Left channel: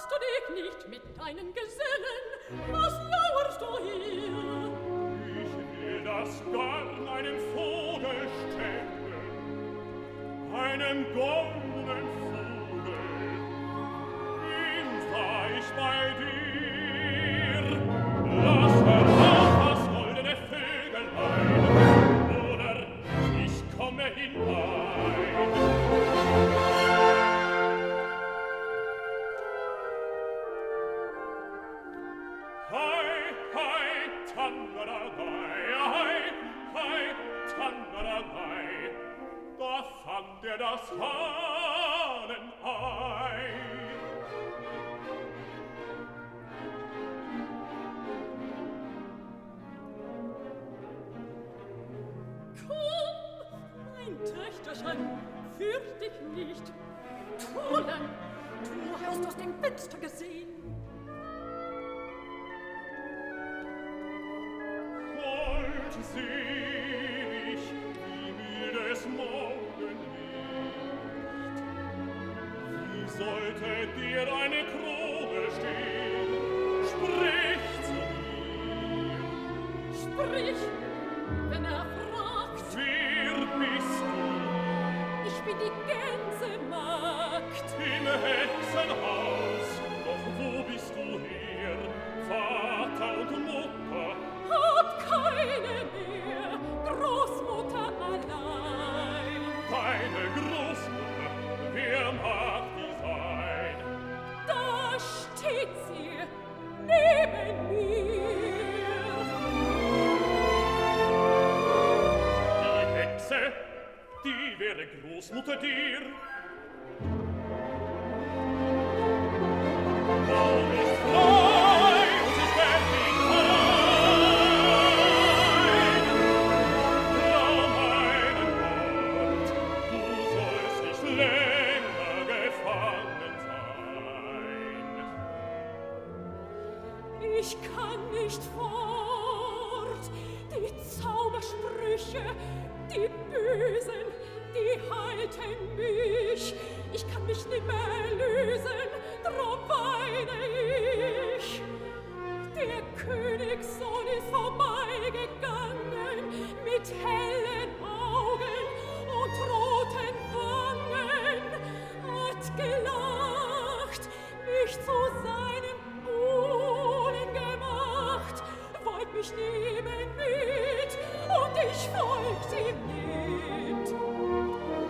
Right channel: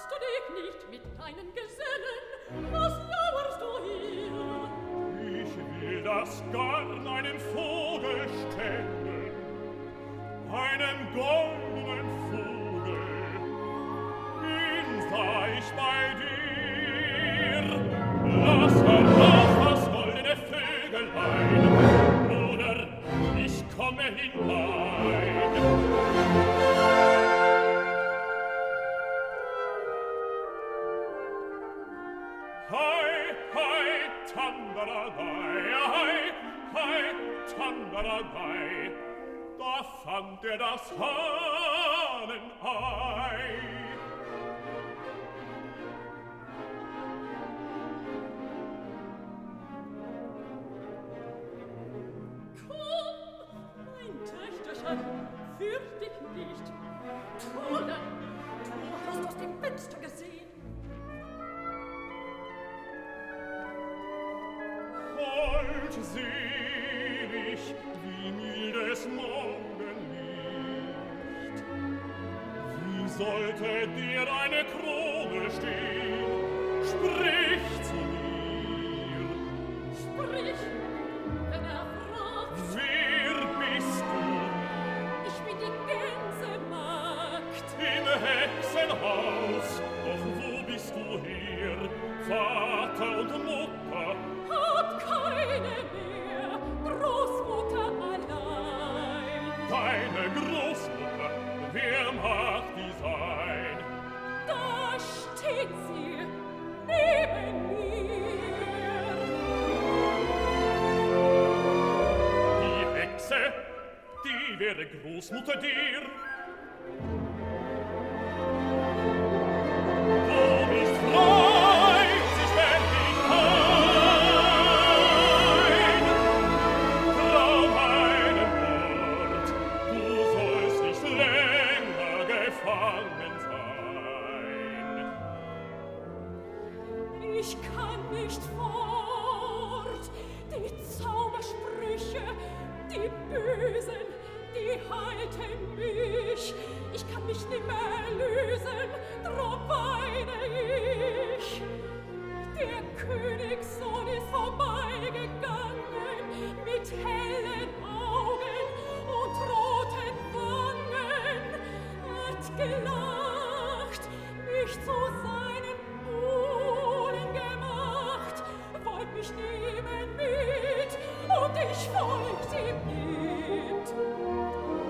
magst du dich nicht mit deinen Gesellen? Was lauerst du hier? Ich will das garn einen Vogel stellen, einen goldenen Vogel. Ihn sah ich bei dir. Lass heraus das goldene Vögelein, oder ich komme hinein. Hei, hei, tandaradei, hei, hei, tandaradei, da fand das Hahnenei. Komm, mein Töchterchen, fürcht dich nicht. Fräulein, du hast aus dem Fenster gesehen. Selig wie mildes Morgenlicht. Wie sollte dir eine Krone stehen? Sprich zu mir. Sprich, wenn fragt. Wer bist du? Ich bin die Gänsemagd. Im Hexenhaus, doch wo bist du her? Vater und Mutter, Hab keine mehr, Großmutter allein. deine Großmutter, wer mag die sein? Da steht sie, neben mir. Die Hexe, die wäre Großmutter dir. Du bist frei und sie sperrt dich ein. Trau meinen Wort, du sollst nicht länger gefangen sein. Ich kann nicht fort, die Zaubersprüche, die Bösen, die halten mich. Ich kann mich nimmer lösen, drum weine ich. Der Königssohn ist vorbeigegangen mit hellen Augen und roten Wangen, hat gelacht, mich zu seinem Buhlen gemacht, wollt mich nehmen mit und ich folgt ihm mit.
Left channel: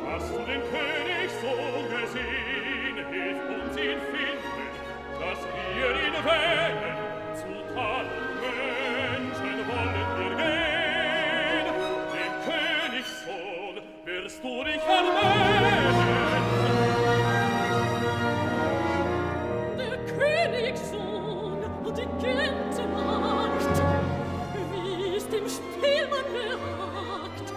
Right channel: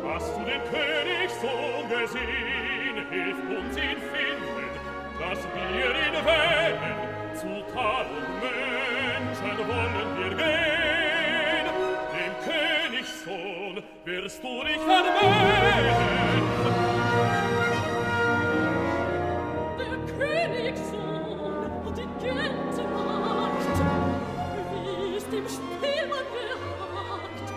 Hast du den Königssohn gesehen? Hilf uns ihn finden, dass wir ihn wählen. Zu 1000 Menschen wollen wir gehen. Dem Königssohn wirst du dich erwählen. Der Königssohn und die Gänsemagd, wie es dem Spielmann behagt,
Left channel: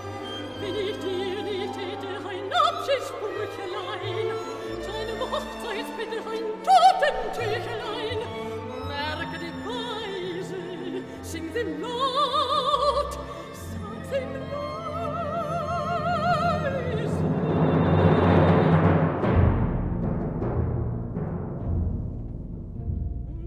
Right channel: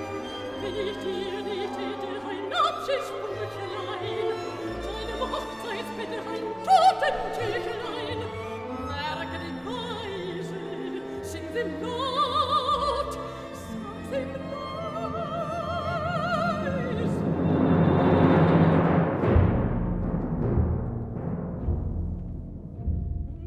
wenn ich dir nicht hätte ein Abschiedssprüchelein, deinem Hochzeitsbett ein Totentüchelein, merke die Weise, sing sie laut, sag sie leise.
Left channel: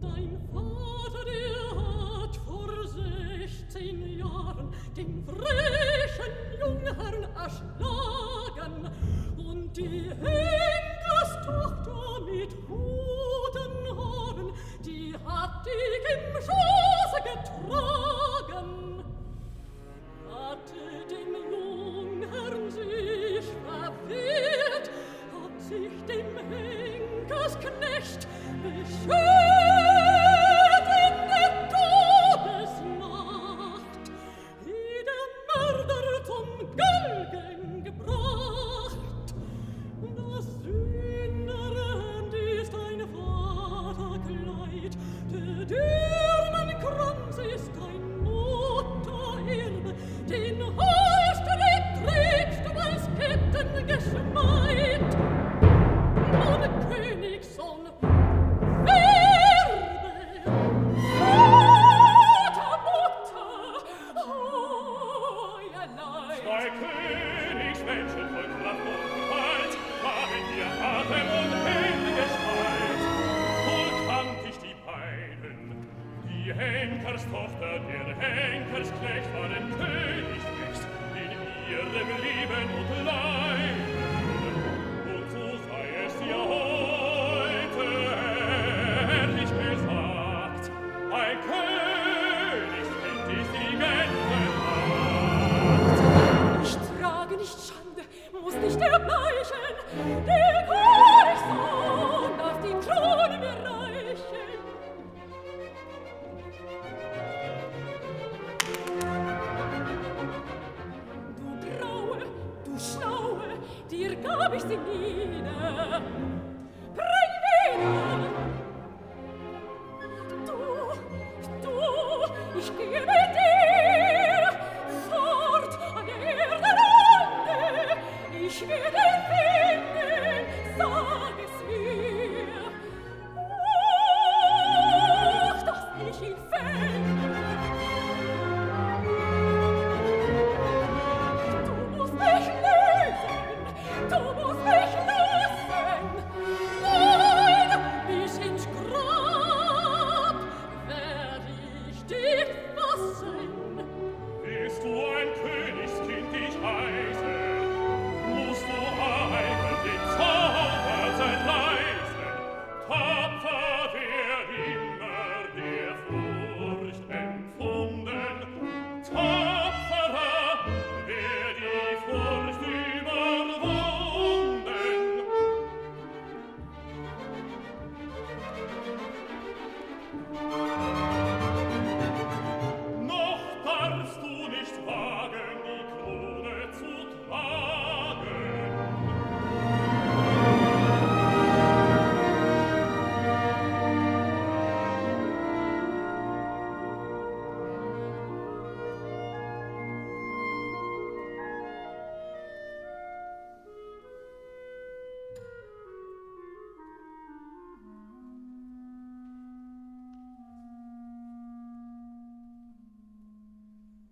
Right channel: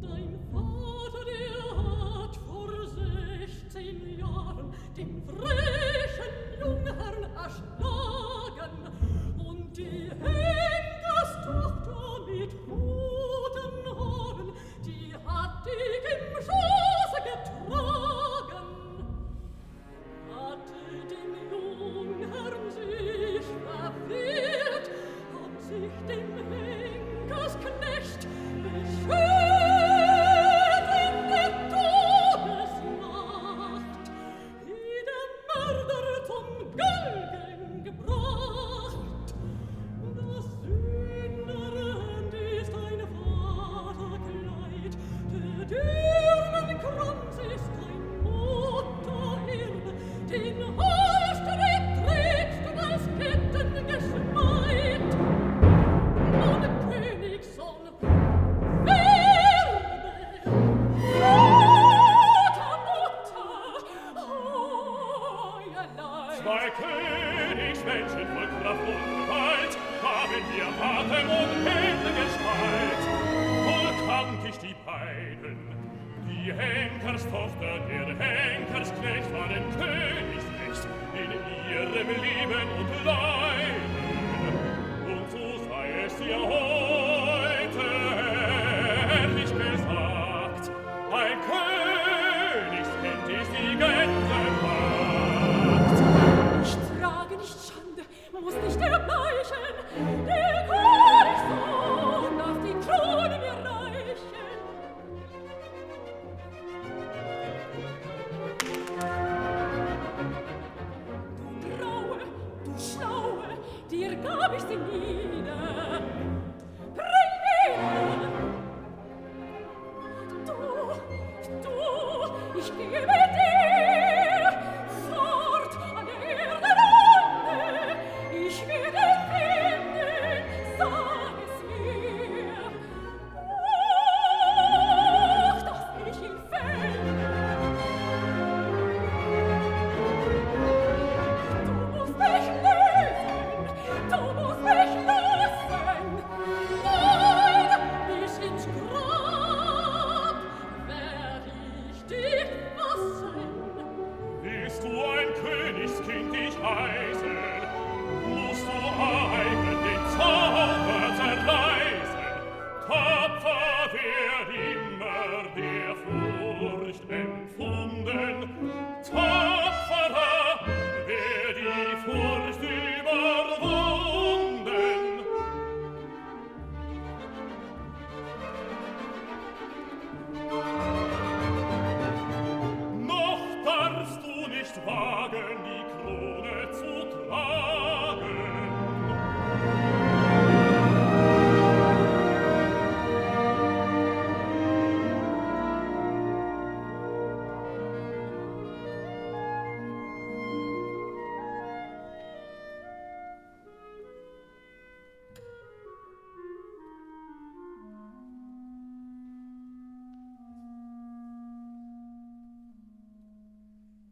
Dein Vater, der hat vor 16 Jahren den frechen Jungherrn erschlagen und die Henkerstochter mit roten Haaren, die hat dich im Schoße getragen. Hatte dem Jungherrn sich verwehrt, hat sich dem Henkersknecht beschwert in der Todesnacht, wie der Mörder zum Galgen gebracht. Das Sünderhand ist ein Vaterkleid, der Dirnenkranz ist ein Muttererbe, den Halsstrick trägst du als Kettengeschmeid. Nun, Königssohn, werbe, Vater, Mutter, euerlein. Zwei Königsmenschen voll Kraft und Gewalt haben hier Atem und Hände Gestalt. Voll leiden. Die Henkerstochter, der Henkersknecht war dem Königsrecht in ihrem Leben und Leiden. Und so sei es ja heute ehrlich gesagt, ein Königskind ist die Gänsemarkt. Ich trage nicht Schande, muss nicht erbleichen, der Königssohn darf die Krone mir reichen. Du Graue, du Schlaue, dir gab ich sie nie,